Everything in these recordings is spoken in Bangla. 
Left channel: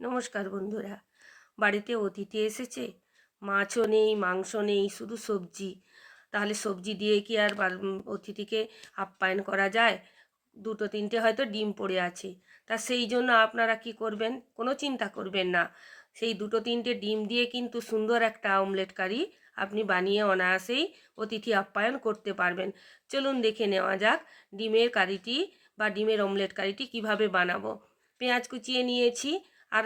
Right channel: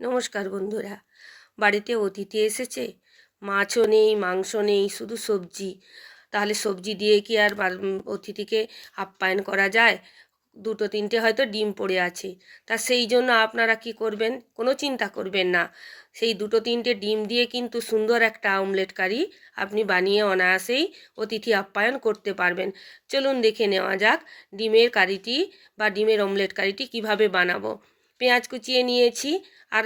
নমস্কার বন্ধুরা। বাড়িতে অতিথি এসেছে, মাছও নেই, মাংস নেই, শুধু সবজি। তাহলে সবজি দিয়ে কি আর অতিথিকে আপ্যায়ন করা যায়? দুটো তিনটে হয়তো ডিম পড়ে আছে, তা সেই জন্য আপনারা কি করবেন, কোনো চিন্তা করবেন না। সেই দুটো তিনটে ডিম দিয়ে কিন্তু সুন্দর একটা অমলেট কারি আপনি বানিয়ে অনায়াসেই অতিথি আপ্যায়ন করতে পারবেন। চলুন দেখে নেওয়া যাক ডিমের কারিটি বা ডিমের অমলেট কারিটি কিভাবে বানাবো। পেঁয়াজ কুচিয়ে নিয়েছি, আর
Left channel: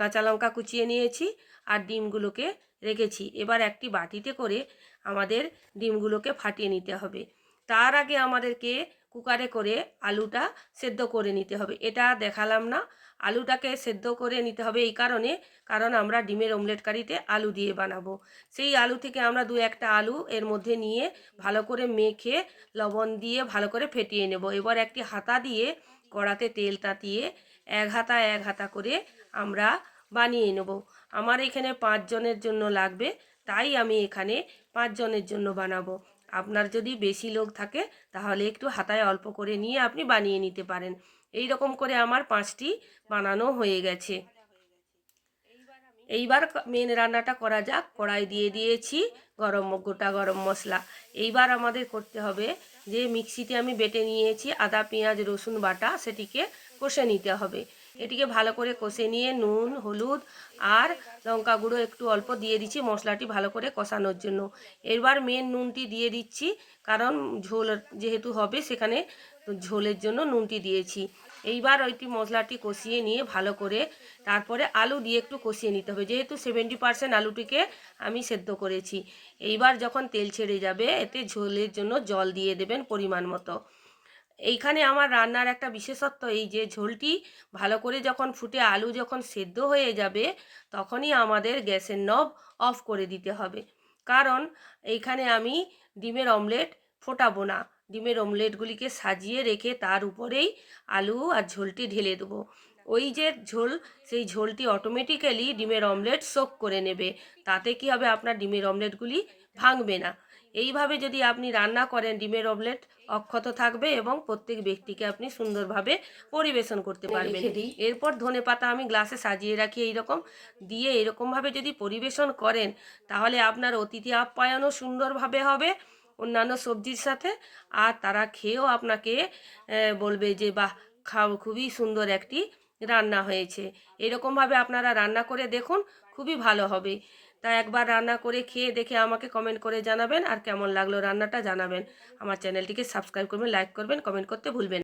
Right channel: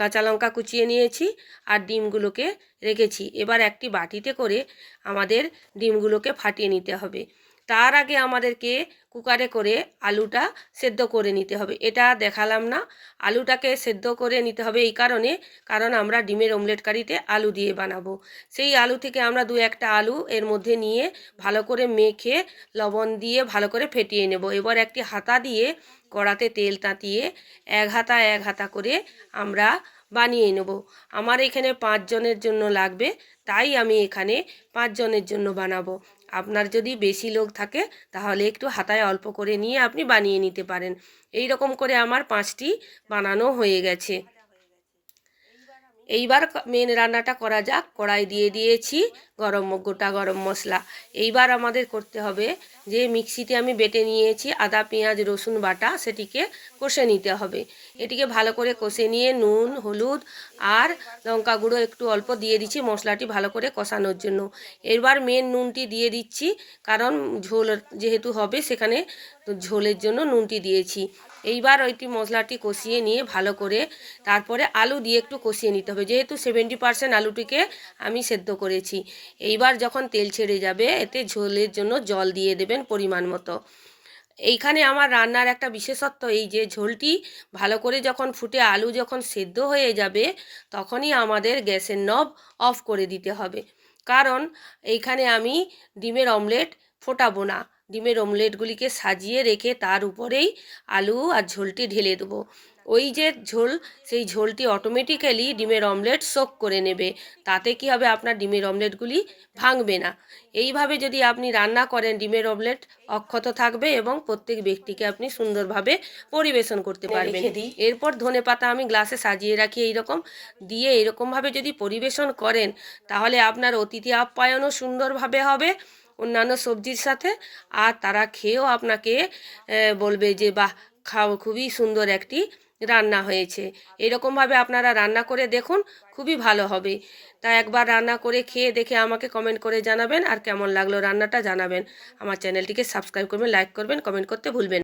কাঁচা লঙ্কা কুচিয়ে নিয়েছি, আর ডিমগুলোকে রেখেছি। এবার একটি বাটিতে করে আমাদের ডিমগুলোকে ফাটিয়ে নিতে হবে। তার আগে আমাদেরকে কুকারে করে আলুটা সেদ্ধ করে নিতে হবে। এটা দেখালাম না, আলুটাকে সেদ্ধ করে নিতে হবে এই কারণে, কারণ আমরা ডিমের অমলেট কারিতে আলু দিয়ে বানাবো। সেই আলু থেকে আমরা দু একটা আলু এর মধ্যে নিয়ে ভালো করে মেখে লবণ দিয়ে ভালো করে ফেটিয়ে নেব। এবার একটি হাতা দিয়ে কড়াতে তেল তাতিয়ে এক হাতা এক হাতা করে আমরা বানিয়ে নেব। আমার এখানে 5 জনের জন্য লাগবে, তাই আমি এখানে 5 জনের জন্য বানাবো। আপনার যদি বেশি লোক থাকে তাহলে একটু হাতায় অল্প করে নিয়ে আপনি বানিয়ে নিতে পারেন। এই রকম করে আমার 5টি বানানো হয়ে গেছে। এইবার মেন রান্নাটা করা যাক। কড়াই দিয়ে দিয়েছি গোটা গরম মশলা। এইবার আমাদের করতে হবে যে মিক্সিতে আমি বেটে নিয়েছি আদা পেঁয়াজ রসুন বাটা, সেটিকে কষে নিতে হবে। এটিকে ভালো করে কষে নিয়ে নুন হলুদ আর লঙ্কা গুঁড়ো একটু অল্প দিয়ে দিচ্ছি মশলাটি ভালো করে কষানোর জন্য। এবার মেন নুনটি দিয়ে দিচ্ছি, কারণ ঝোল যেহেতু হবে সেখানে ঝোলের জন্য নুনটি দিয়েছি। এইবার ওইটি মশলাটি কষিয়ে নিয়ে ভালো করে তারপরে আলু দিয়ে একটু কষিয়ে নিতে হবে, যেহেতু 70% আলুটিকে আমি সেদ্ধ করেছি। এইবার যখন তেল ছেড়ে যাবে এতে ঝোলের জন্য জল দিয়ে দেবেন পরিমাণ মতো। এইখানে আমার রান্নার একটা বিশেষত্ব এই যে ঝোলটি ভালো করে যখন ফুটে আলু যখন সেদ্ধ হয়ে যাবে তখনই আমাদের গ্যাসের নব অফ করে দিতে হবে, কারণ এইখানে আমি ডিমের অমলেট ফোটাবো না। ডিমের অমলেটগুলিকে সাজিয়ে রেখে তার উপরেই আলু আর ঝোলটি ঢেলে দেবো। ওই যে ঝোল, সেই ঝোলটি অটোমেটিক্যালি ডিমের অমলেট সোক করে নেবে। তাতে কি হবে, আপনার ডিমের অমলেটগুলি ভাঙবে না। এইভাবে যদি আপনি রান্না করেন ডিমের অমলেট অক্ষত থাকবে এবং প্রত্যেক ব্যক্তিকে আপনি সুন্দরভাবে পরিবেশন করতে পারবেন। এরপর ধনেপাতা আমি গ্লাসে সাজিয়ে রাখি এইরকম দিয়ে, এরকমভাবে যদি পরিবেশন করেন তাহলে আপনার অতিথি আপ্যায়নও সুন্দরভাবে হবে অন্যান্য সবজির সাথে, আর তারা খেয়েও আপনাকে বলবে যে বাহ, খাও, খুবই সুন্দর একটি রান্না হয়েছে। এরকমভাবে আপনারা রান্না করে দেখুন, খুবই ভালো হবে। তাই একবার রান্না করে খেয়ে দেখে আমাকে কমেন্ট করে জানাবেন, আর কেমন লাগলো রান্নাটা জানাবেন। আমার চ্যানেলটিকে সাবস্ক্রাইব করবেন, লাইক করবেন, কমেন্ট করতে ভুলবেন না।